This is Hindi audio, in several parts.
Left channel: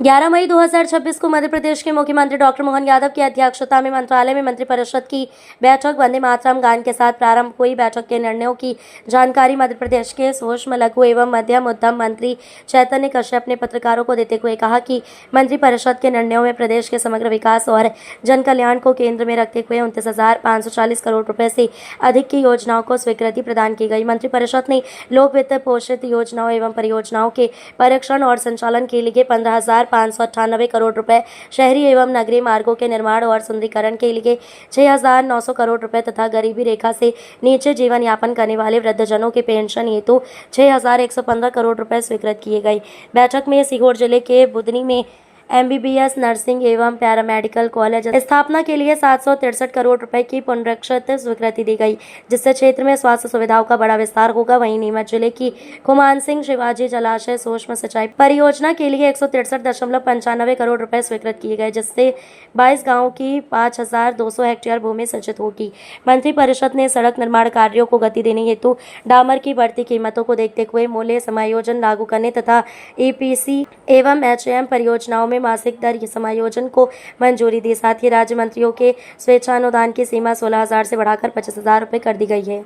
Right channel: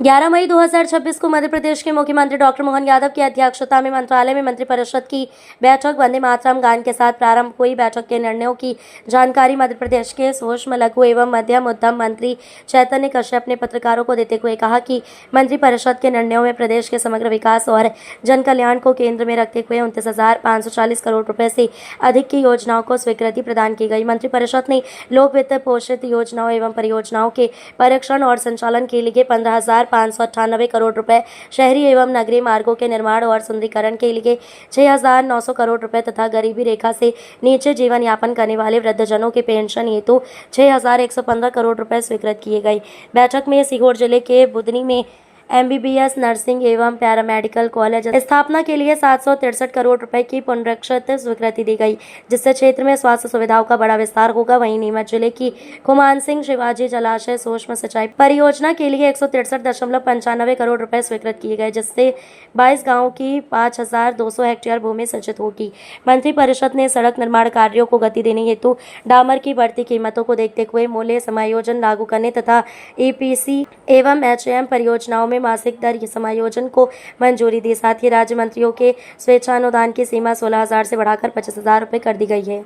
11 मई 2026 को मध्य प्रदेश के मुख्यमंत्री डॉक्टर मोहन यादव की अध्यक्षता में मंत्रालय में मंत्रिपरिषद की बैठक वंदे मातरम गान के साथ प्रारंभ हुई। बैठक के निर्णयों की जानकारी मध्य प्रदेश के सूक्ष्म लघु एवं मध्यम उद्यम मंत्री चैतन्य कश्यप ने पत्रकारों को देते हुए कहा कि मंत्रिपरिषद के निर्णयों में प्रदेश के समग्र विकास और जन कल्याण को केंद्र में रखते हुए 29,540 करोड़ रुपए से अधिक की योजनाओं को स्वीकृति प्रदान की गई। मंत्रिपरिषद ने लोक वित्त पोषित योजनाओं एवं परियोजनाओं के परीक्षण और संचालन के लिए 15,598 करोड़ रुपए, शहरी एवं नगरीय मार्गों के निर्माण और सुंदरीकरण के लिए 6,900 करोड़ रुपए तथा गरीबी रेखा से नीचे जीवन यापन करने वाले वृद्धजनों के पेंशन हेतु 6,115 करोड़ रुपए स्वीकृत किए गए। बैठक में सीहोर जिले के बुधनी में MBBS नर्सिंग एवं पैरामेडिकल कॉलेज स्थापना के लिए 763 करोड़ रुपए की पुनरीक्षित स्वीकृति दी गई, जिससे क्षेत्र में स्वास्थ्य सुविधाओं का बड़ा विस्तार होगा। वहीं नीमच जिले की खुमान सिंह शिवाजी जलाशय सूक्ष्म सिंचाई परियोजना के लिए 163.95 करोड़ रुपए स्वीकृत किए गए, जिससे 22 गाँव की 5,200 हेक्टेयर भूमि सिंचित होगी। मंत्रिपरिषद ने सड़क निर्माण कार्यों को गति देने हेतु डामर की बढ़ती कीमतों को देखते हुए मूल्य समायोजन लागू करने तथा EPC एवं HAM परियोजनाओं में मासिक दर समायोजन को मंजूरी दी। साथ ही राज्य मंत्रियों के स्वेच्छानुदान की सीमा 16,000 से बढ़ाकर 25,000 रुपए कर दी गई है।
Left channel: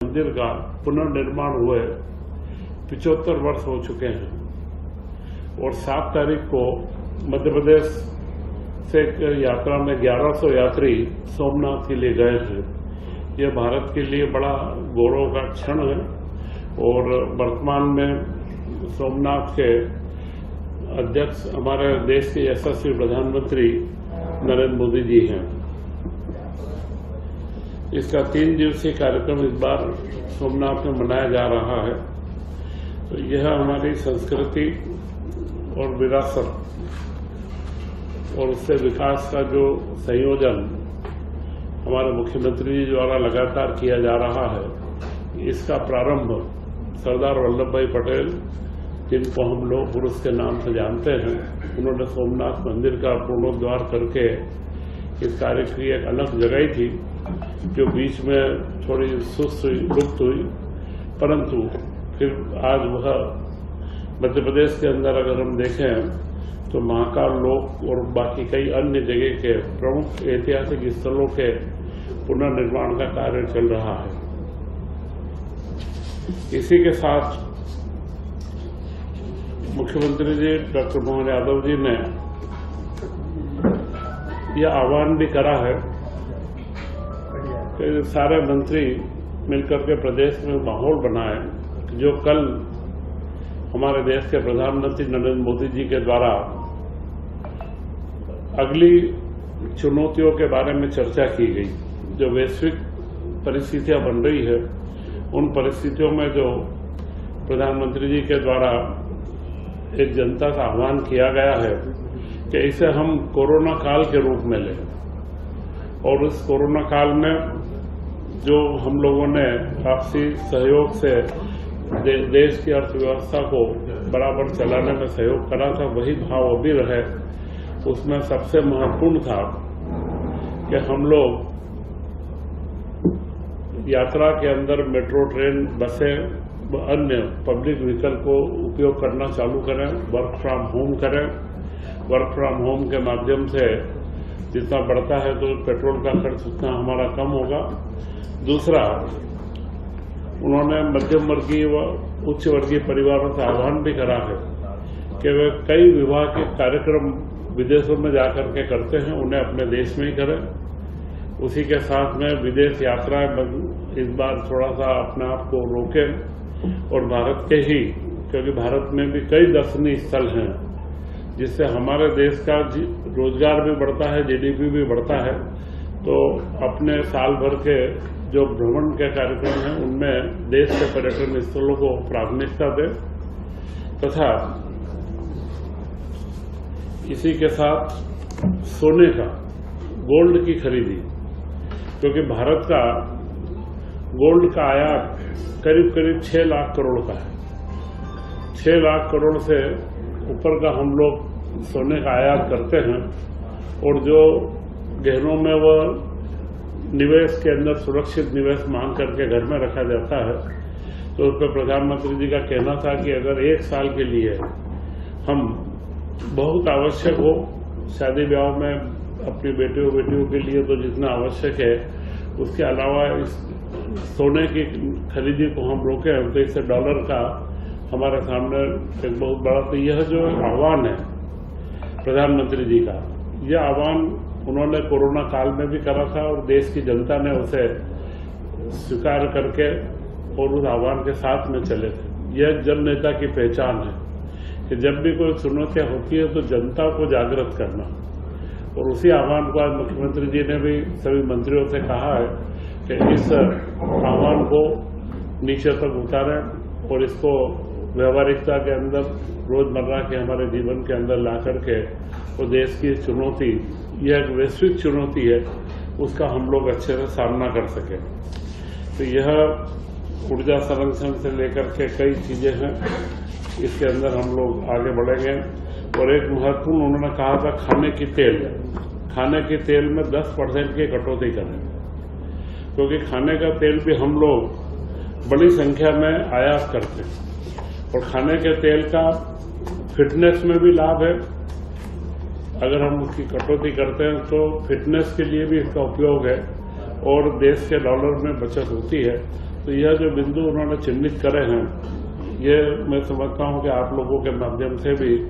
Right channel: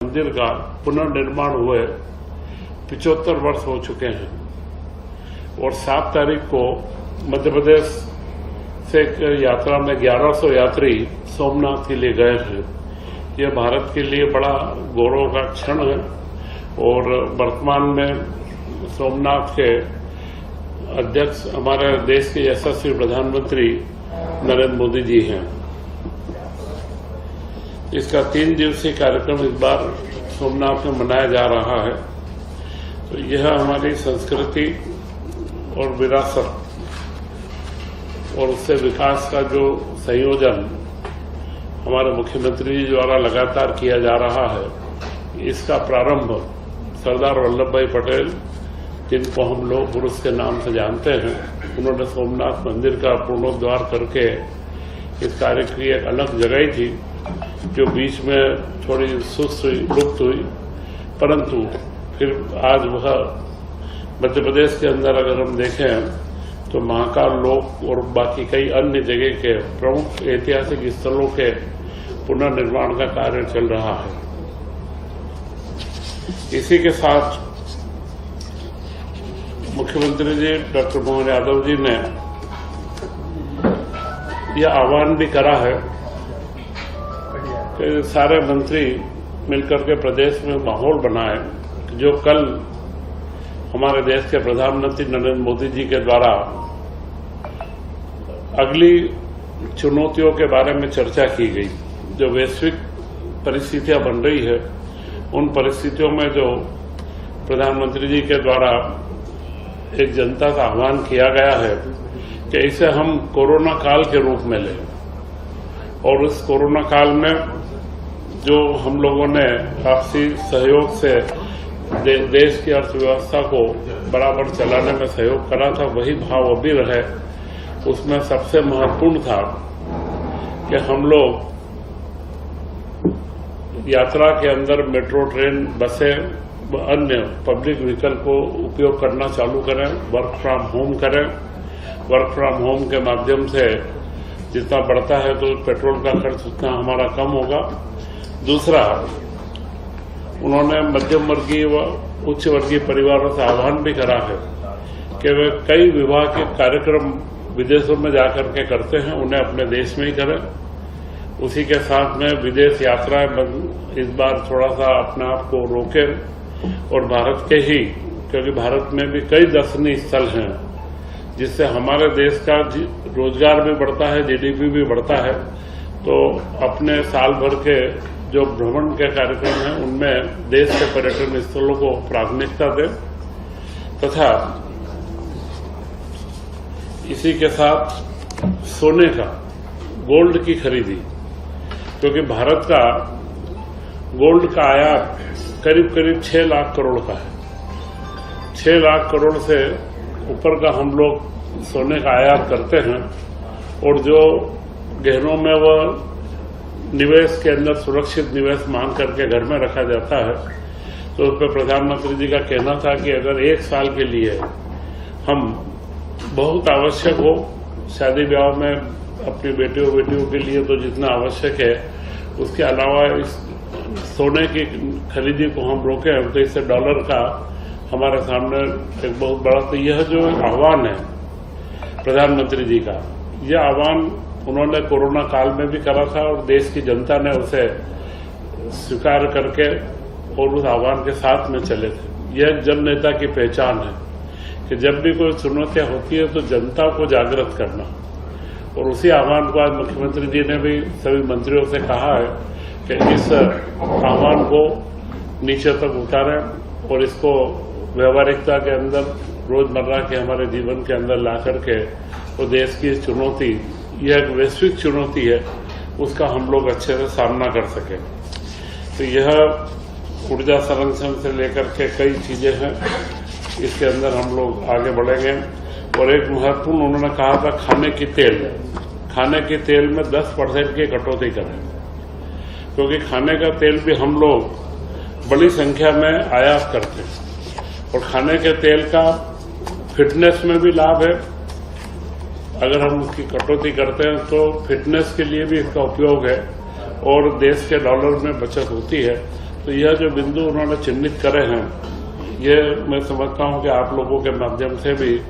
मंदिर का पुनर्निर्माण हुए 75 वर्ष हो चुके हैं और 7 तारीख को मध्य प्रदेश से यात्रा में 1100 यात्री सोमनाथ के लिए गए हैं। यह भारत के लिए बड़ा गौरव का क्षण है और वर्तमान में सोमनाथ के अध्यक्ष हमारे देश के यशस्वी प्रधानमंत्री नरेंद्र मोदी जी हैं। इसका 3 दिवसीय कार्यक्रम इस बार सोमनाथ में मनाया जा रहा है। तो यह हमारी संस्कृति और विरासत और उससे विकास का जो संयोजन हमारे मुख्यमंत्री जी द्वारा लगातार किया जा रहा है, इसका प्रारंभ सरदार वल्लभ भाई पटेल, जिनको हम लोग पुरुष के नाम से जानते हैं, उन्होंने सोमनाथ मंदिर का पुनरुद्धार करके इस कार्य की एक अलग जगह थी जो बीच में थोड़ी सुस्त हुई, लुप्त हुई, परंतु फिर आज वह मध्य प्रदेश के अंदर अगर हम देखें तो महाकाल लोक और बाकी कई अन्य जगह के प्रमुख ऐतिहासिक स्थलों के पुनर्निर्माण का कार्य चल रहा है। इसी के साथ मुख्यमंत्री जी डॉक्टर मोहन यादव जी ने यह आह्वान भी करा है कि सारे मंत्री मिलकर के प्रदेश में माहौल बनाए जो कल हमारे देश के प्रधानमंत्री नरेंद्र मोदी जी के द्वारा अगली चुनौतियों के बारे में चर्चा की गई। जो वैश्विक परिस्थितियां बन रही है, उन परिस्थितियों में जो प्रधानमंत्री जी के द्वारा एक जनता का आह्वान किया गया है कि इसे हम कोरोना काल के रूप में लें और उस कोरोना काल में जो हम लोगों ने आपसी सहयोग से देश की अर्थव्यवस्था को बराबर चलाने में सहयोग करा था, वही भाव अभी रहे। उसमें सबसे महत्वपूर्ण था कि हम लोग यात्रा के अंदर मेट्रो ट्रेन, बसें, अन्य पब्लिक व्हीकल को उपयोग करना चालू करें, वर्क फ्रॉम होम करें। वर्क फ्रॉम होम के माध्यम से जितना बढ़ता है तो पेट्रोल का खर्च उतना हमारा कम होगा। दूसरा, उन्होंने मध्यम वर्गीय व उच्च वर्गीय परिवारों से आह्वान भी करा है कि वे कई विवाह के कार्यक्रम विदेशों में जाकर के करते हैं, उन्हें अपने देश में ही करें। उसी के साथ में विदेश यात्राएं इस बार थोड़ा सा अपने आप को रोकें और भारत के ही, क्योंकि भारत में भी कई दर्शनीय स्थल हैं जिससे हमारे देश का रोजगार भी बढ़ता है, GDP भी बढ़ता है। तो अपने साल भर के जो भ्रमण के कार्यक्रम हैं उनमें देश के पर्यटन स्थलों को प्राथमिकता दें तथा इसी के साथ सोने का, गोल्ड की खरीदी, क्योंकि भारत का गोल्ड का आयात करीब 6 लाख करोड़ का है। 6 लाख करोड़ से ऊपर का हम लोग सोने का आयात करते हैं और जो गहनों में वह निवेश के अंदर सुरक्षित निवेश मान करके घर में रखा जाता है, तो उस पर प्रधानमंत्री जी का कहना था कि अगर 1 साल के लिए हम बहुत आवश्यक हो। शादी ब्याह में अपनी बेटियों के लिए तो जितना आवश्यक है, उसके अलावा इस सोने की खरीदी को हम रोकें तो इससे डॉलर का हमारे सामने एक बहुत बड़ा, तो यह जो आह्वान है प्रधानमंत्री जी का, यह आह्वान उन्होंने कोरोना काल में भी करा था और देश की जनता ने उसे स्वीकार करके और उस आह्वान के साथ में चले थे। यह जन नेता की पहचान है कि जब भी कोई चुनौतियां होती है तो जनता को जागृत करना, और उसी आह्वान को आज मुख्यमंत्री जी ने भी सभी मंत्रियों से कहा है कि इस आह्वान को नीचे तक उतारें और इसको व्यवहारिकता के अंदर, रोजमर्रा के हमारे जीवन के अंदर ला करके वो देश की चुनौती, यह एक वैश्विक चुनौती है, उसका हम लोग अच्छे से सामना कर सकें। तो यह ऊर्जा संरक्षण से लेकर के कई चीजें हैं, इसके अंदर हम लोग आगे बढ़ेंगे। और एक महत्वपूर्ण उन्होंने कहा था खाने की तेल में 10% की कटौती करें, क्योंकि खाने का तेल भी हम लोग बड़ी संख्या में आयात करते हैं और खाने के तेल का फिटनेस में भी लाभ है। अगर हम उसकी कटौती करते हैं तो फिटनेस के लिए भी इसका उपयोग है और देश के डॉलर में बचत होती है। तो यह जो बिंदु उन्होंने चिन्हित करे हैं, ये मैं समझता हूं कि आप लोगों के माध्यम से भी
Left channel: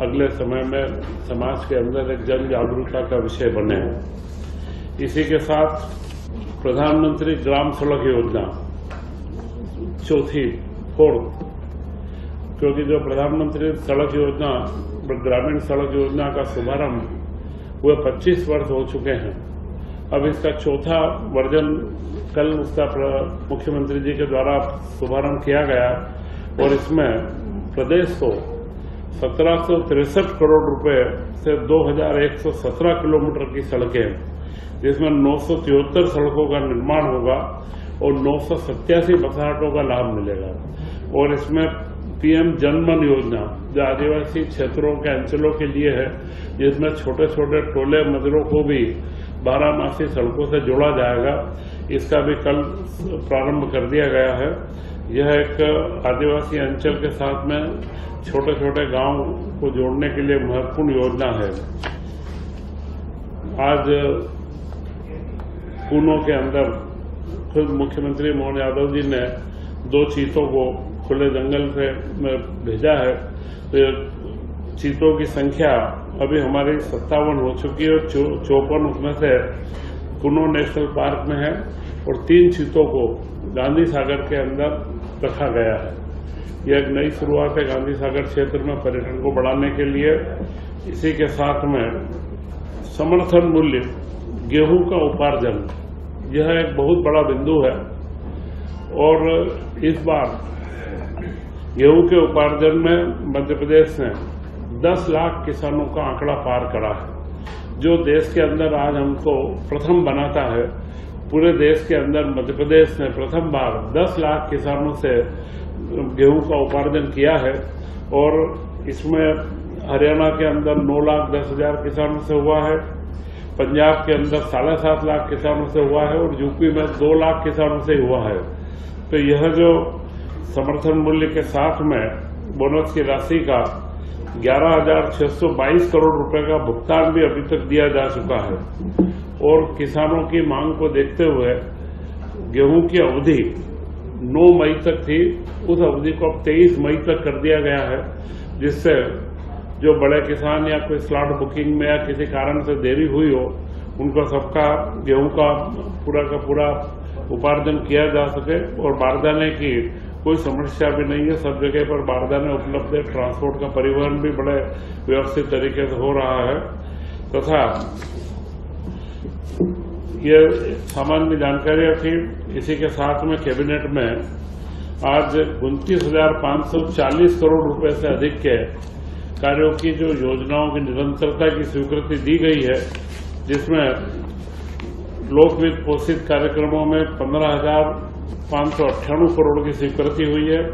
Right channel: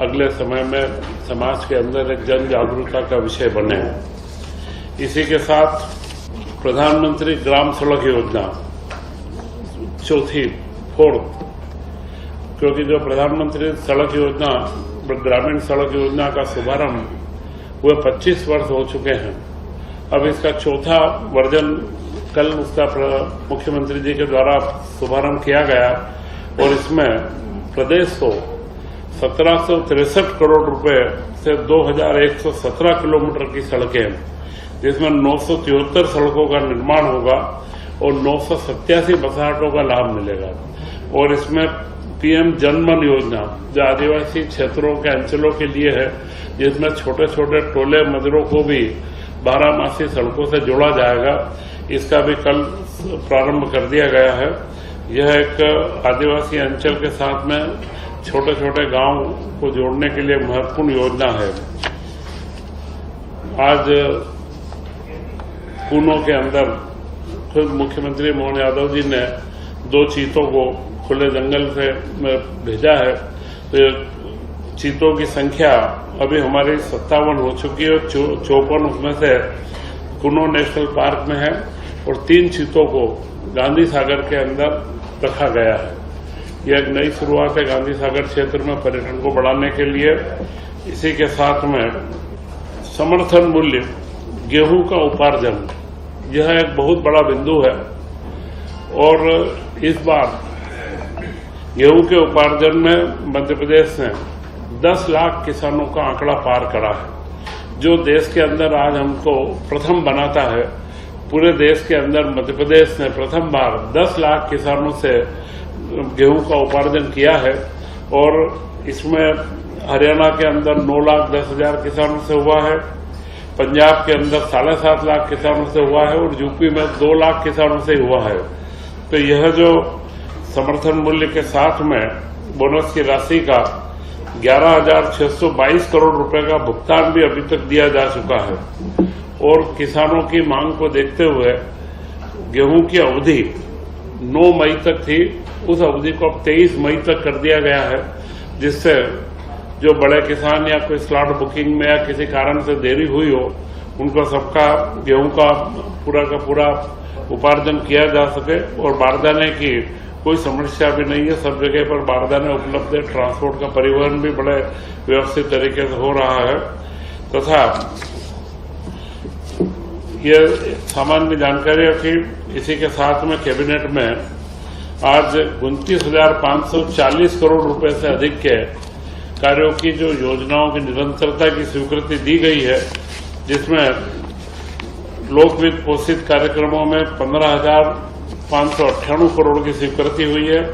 अगले समय में समाज के अंदर एक जन जागरूकता का विषय बने। इसी के साथ प्रधानमंत्री ग्राम सड़क योजना फोर्थ, क्योंकि जो प्रधानमंत्री सड़क योजना, ग्रामीण सड़क योजना का शुभारंभ हुए 25 वर्ष हो चुके हैं। अब इसका चौथा वर्जन कल उसका मुख्यमंत्री जी के द्वारा शुभारंभ किया गया और इसमें प्रदेश को 1763 करोड़ रुपए से 2117 किलोमीटर की सड़कें, जिसमें 973 सड़कों का निर्माण होगा और 987 बसाहटों का लाभ मिलेगा। और इसमें पीएम जनमन योजना जो आदिवासी क्षेत्रों के अंचलों के लिए है, जिसमें छोटे छोटे टोले मजरों को भी 12मासी सड़कों से जोड़ा जाएगा, इसका भी कल प्रारंभ कर दिया गया है। यह एक आदिवासी अंचल के साथ में छोटे छोटे गांव को जोड़ने के लिए महत्वपूर्ण योजना है। आज कूनो के अंदर खुद मुख्यमंत्री मोहन यादव जी ने 2 चीतों को खुले जंगल से भेजा है। तो चीतों की संख्या अभी हमारी 57 हो चुकी है, 54 उसमें से कूनो नेशनल पार्क में है और 3 चीतों को गांधी सागर के अंदर रखा गया है। यह एक नई शुरुआत है गांधी सागर क्षेत्र में पर्यटन को बढ़ाने के लिए। इसी के साथ में समर्थन मूल्य गेहूं का उपार्जन, यह एक बहुत बड़ा बिंदु है और इस बार गेहूं के उपार्जन में मध्य प्रदेश ने 10 लाख किसानों का आंकड़ा पार करा है, जो देश के अंदर आज हमको प्रथम बनाता है। पूरे देश के अंदर मध्य प्रदेश ने प्रथम बार 10 लाख किसानों से गेहूं का उपार्जन किया है और इसमें हरियाणा के अंदर 9,10,000 किसानों से हुआ है, पंजाब के अंदर 7.5 लाख किसानों से हुआ है और यूपी में 2 लाख किसानों से हुआ है। तो यह जो समर्थन मूल्य के साथ में बोनस की राशि का 11,622 करोड़ रुपए का भुगतान भी अभी तक दिया जा चुका है और किसानों की मांग को देखते हुए गेहूं की अवधि 9 मई तक थी, उस अवधि को अब 23 मई तक कर दिया गया है, जिससे जो बड़े किसान या कोई स्लॉट बुकिंग में या किसी कारण से देरी हुई हो, उनको सबका गेहूं का पूरा उपार्जन किया जा सके और बारदाने की कोई समस्या भी नहीं है। सब जगह पर बारदाने उपलब्ध है, ट्रांसपोर्ट का परिवहन भी बड़े व्यवस्थित तरीके से हो रहा है। तथा ये सामान्य जानकारी रखी। इसी के साथ में कैबिनेट में आज 29,540 करोड़ रुपए से अधिक के कार्यों की जो योजनाओं की निरंतरता की स्वीकृति दी गई है, जिसमें लोकवित्त पोषित कार्यक्रमों में 15,598 करोड़ की स्वीकृति हुई है।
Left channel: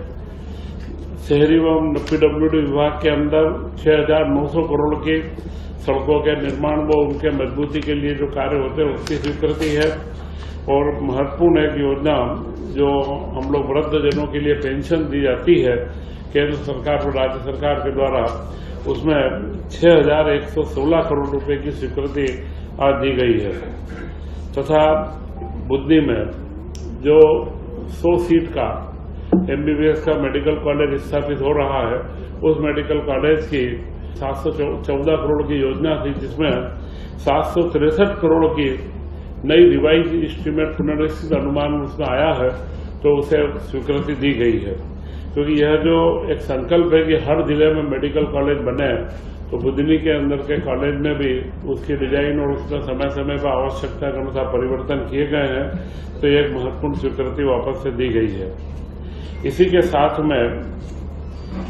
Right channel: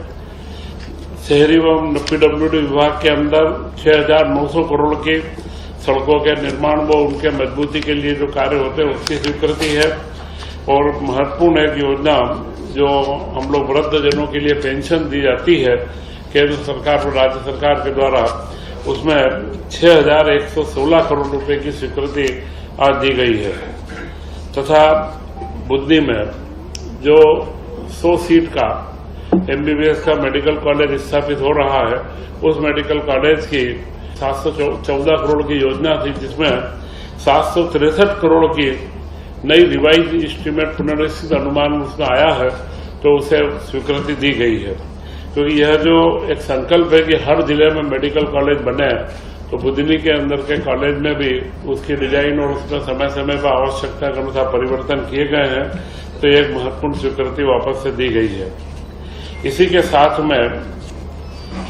शहरी एवं पीडब्ल्यूडी विभाग के अंदर 6,900 करोड़ की सड़कों के निर्माण व उनके मजबूती के लिए जो कार्य होते हैं उसकी स्वीकृति है। और महत्वपूर्ण एक योजना जो हम लोग वृद्धजनों के लिए पेंशन दी जाती है केंद्र सरकार और राज्य सरकार के द्वारा, उसमें 6,116 करोड़ रुपए की स्वीकृति आज दी गई है तथा बुद्धि में जो 100 सीट का एमबीबीएस का मेडिकल कॉलेज स्थापित हो रहा है, उस मेडिकल कॉलेज की 714 करोड़ की योजना थी, जिसमें 763 करोड़ की नई रिवाइज एस्टीमेट पुनर्निश्चित अनुमान उसमें आया है, तो उसे स्वीकृति दी गई है। क्योंकि यह जो एक संकल्प है कि हर जिले में मेडिकल कॉलेज बने, तो बुधनी के अंदर के कॉलेज में भी उसकी डिजाइन और उसमें समय समय पर आवश्यकता के अनुसार परिवर्तन किए गए हैं, तो एक महत्वपूर्ण स्वीकृति वापस से दी गई है। इसी के साथ में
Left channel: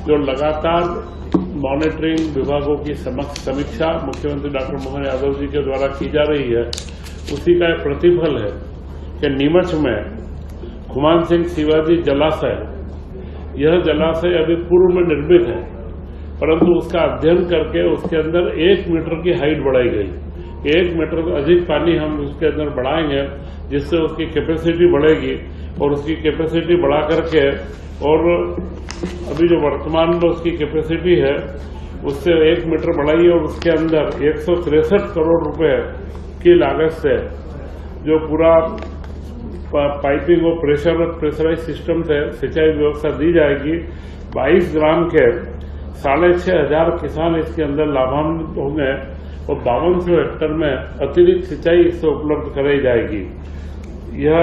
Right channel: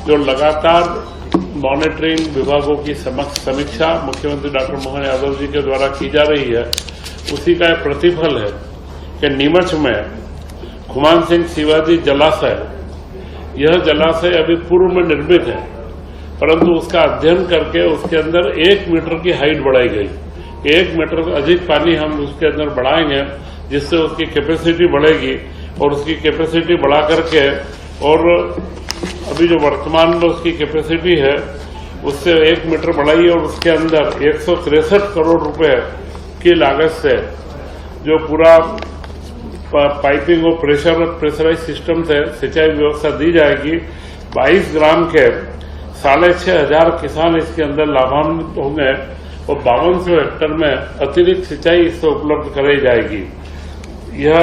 जो लगातार मॉनिटरिंग विभागों की समीक्षा मुख्यमंत्री डॉक्टर मोहन यादव जी के द्वारा की जा रही है, उसी का एक प्रतिफल है कि नीमच में खुमान सिंह शिवाजी जलाशय, यह जलाशय अभी पूर्व में निर्मित है, परंतु उसका अध्ययन करके उसके अंदर 1 मीटर की हाइट बढ़ाई गई। 1 मीटर अधिक पानी हम उसके अंदर बढ़ाएंगे, जिससे उसकी कैपेसिटी बढ़ेगी और उसकी कैपेसिटी बढ़ा करके, और अभी जो वर्तमान में उसकी कैपेसिटी है उससे 1 मीटर बढ़ाई और उसके अंदर 163 करोड़ रुपए की लागत से जो पूरा पाइपिंग और प्रेशराइज सिस्टम से सिंचाई व्यवस्था दी जाएगी। 22 ग्राम के 6,500 किसान इसके अंदर लाभान्वित होंगे और 5200 हेक्टेयर में अतिरिक्त सिंचाई इससे उपलब्ध कराई जाएगी। यह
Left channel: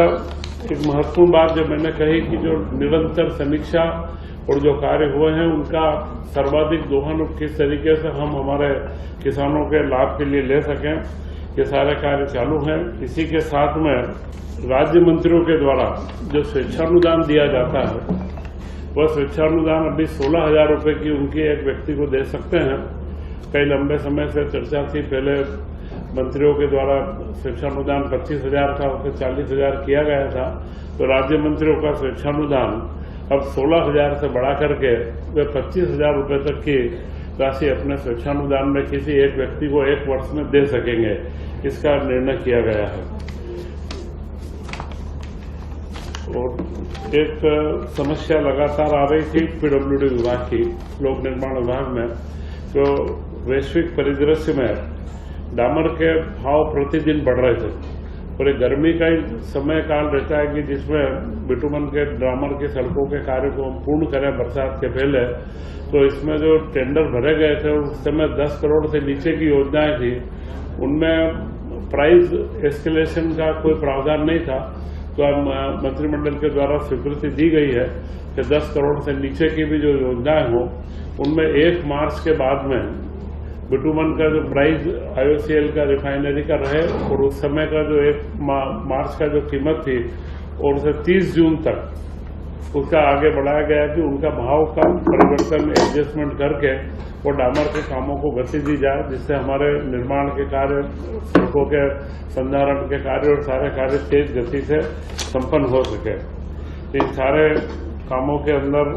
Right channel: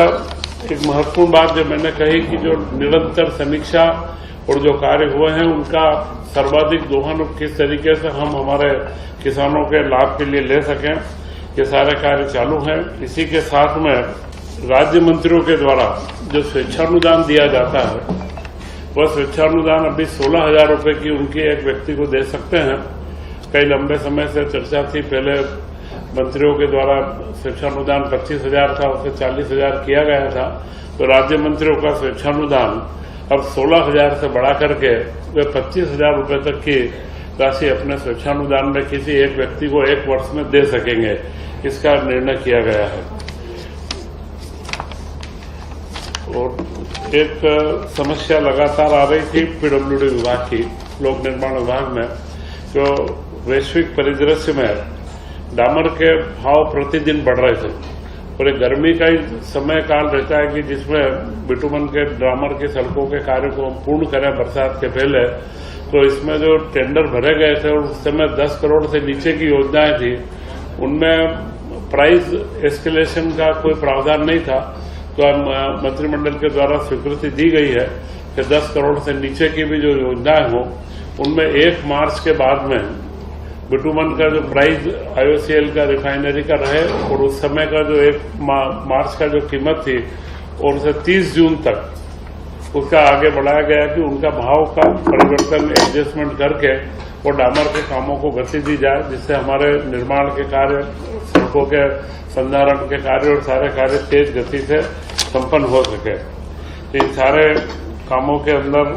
एक महत्वपूर्ण बात जो मैंने कही कि जो निरंतर समीक्षा और जो कार्य हुए हैं, उनका सर्वाधिक दोहन किस तरीके से हम हमारे किसानों के लाभ के लिए ले सकें, ये सारे कार्य चालू हैं। इसी के साथ में राज्य मंत्रियों के द्वारा जो स्वेच्छानुदान दिया जाता है, वह स्वेच्छानुदान अभी 16,000 रुपये की उनकी एक व्यक्ति को दे सकते हैं। कई लंबे समय से चर्चा थी, पहले मंत्रियों के द्वारा स्वेच्छानुदान 25,000 था, उसे 40,000 किया गया था। तो राज्य मंत्रियों का स्वेच्छानुदान अब 16,000 से बढ़ा करके वे 25,000 रुपये तक की राशि अपने स्वेच्छानुदान में किसी एक व्यक्ति को 1 वर्ष में दे सकेंगे, इसका निर्णय किया गया है। और एक समस्या लगातार आ रही थी पीडब्ल्यूडी विभाग की, लोक निर्माण विभाग में, जो वैश्विक परिदृश्य में डामर के भाव प्रतिदिन बढ़ रहे थे और एक गर्मी का ही समय काल रहता है कि जिसमें बिटुमन के डामर की सड़कों के कार्य को हम पूर्ण करें बरसात के पहले। तो इसमें जो टेंडर भरे गए थे उस समय 10 करोड़ से नीचे की योजनाएं थी, उनमें प्राइस एस्केलेशन का कोई प्रावधान नहीं था। तो अब मंत्रिमंडल के द्वारा स्वीकृति दी गई है कि 10 करोड़ से नीचे की भी जो योजनाएं हो, उनमें 1 मार्च के बाद में बिटुमन का जो प्राइस IOCL का रिफाइनरी का रहे और उस समय का जो 1 मार्च का जो कीमत थी और उसे 30 जून तक उसका आगे बढ़ाया गया कि उनका भाव का परिवर्तन एडजस्टमेंट करके और डामर के कामों को गति दी जाए, जिससे हमारे निर्माण के कार्य, सड़कों के संधारण के कार्य और सारे कार्य तेज गति से संपन्न हो सके। तो इन सारे कामों के अंदर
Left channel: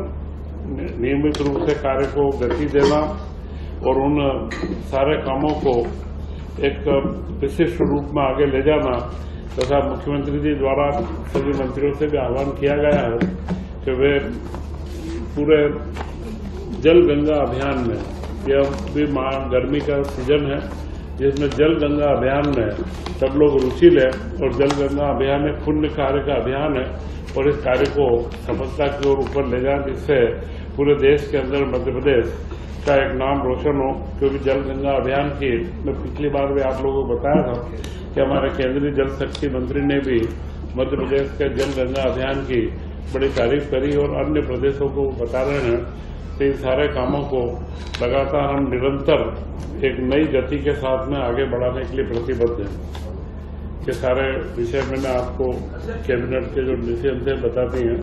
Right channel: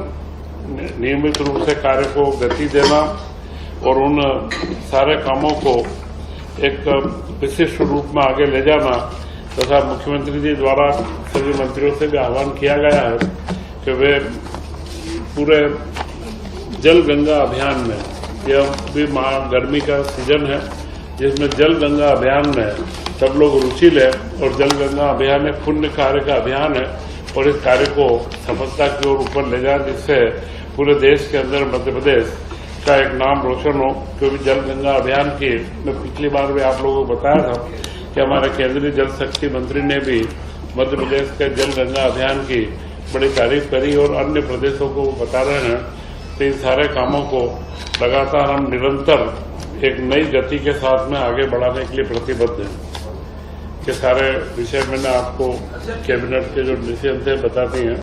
नियमित रूप से कार्य को गति देना और उन सारे कामों को एक विशिष्ट रूप में आगे ले जाना तथा मुख्यमंत्री जी द्वारा सभी मंत्रियों से भी आह्वान किया गया है कि वे पूरे जल गंगा अभियान में, यह भी गर्मी का सीजन है जिसमें जल गंगा अभियान में सब लोग रुचि लें और जल गंगा अभियान एक पुण्य कार्य का अभियान है और इस कार्य को सफलता की ओर ऊपर ले जाए, जिससे पूरे देश के अंदर मध्य प्रदेश का एक नाम रोशन हो। क्योंकि जल गंगा अभियान की मैं पिछली बार भी आप लोगों को बताया था कि हमारे केंद्रीय जल शक्ति मंत्री ने भी मध्य प्रदेश के जल गंगा अभियान की बड़ी तारीफ करी और अन्य प्रदेशों को बता रहे हैं। तो इन सारे कामों को लगातार हम निरंतर एक नई गति के साथ में आगे बढ़ाने के लिए प्रतिबद्ध हैं। ये सारे विषय मैंने आपको कैबिनेट के जो डिसीजन थे बताती हैं।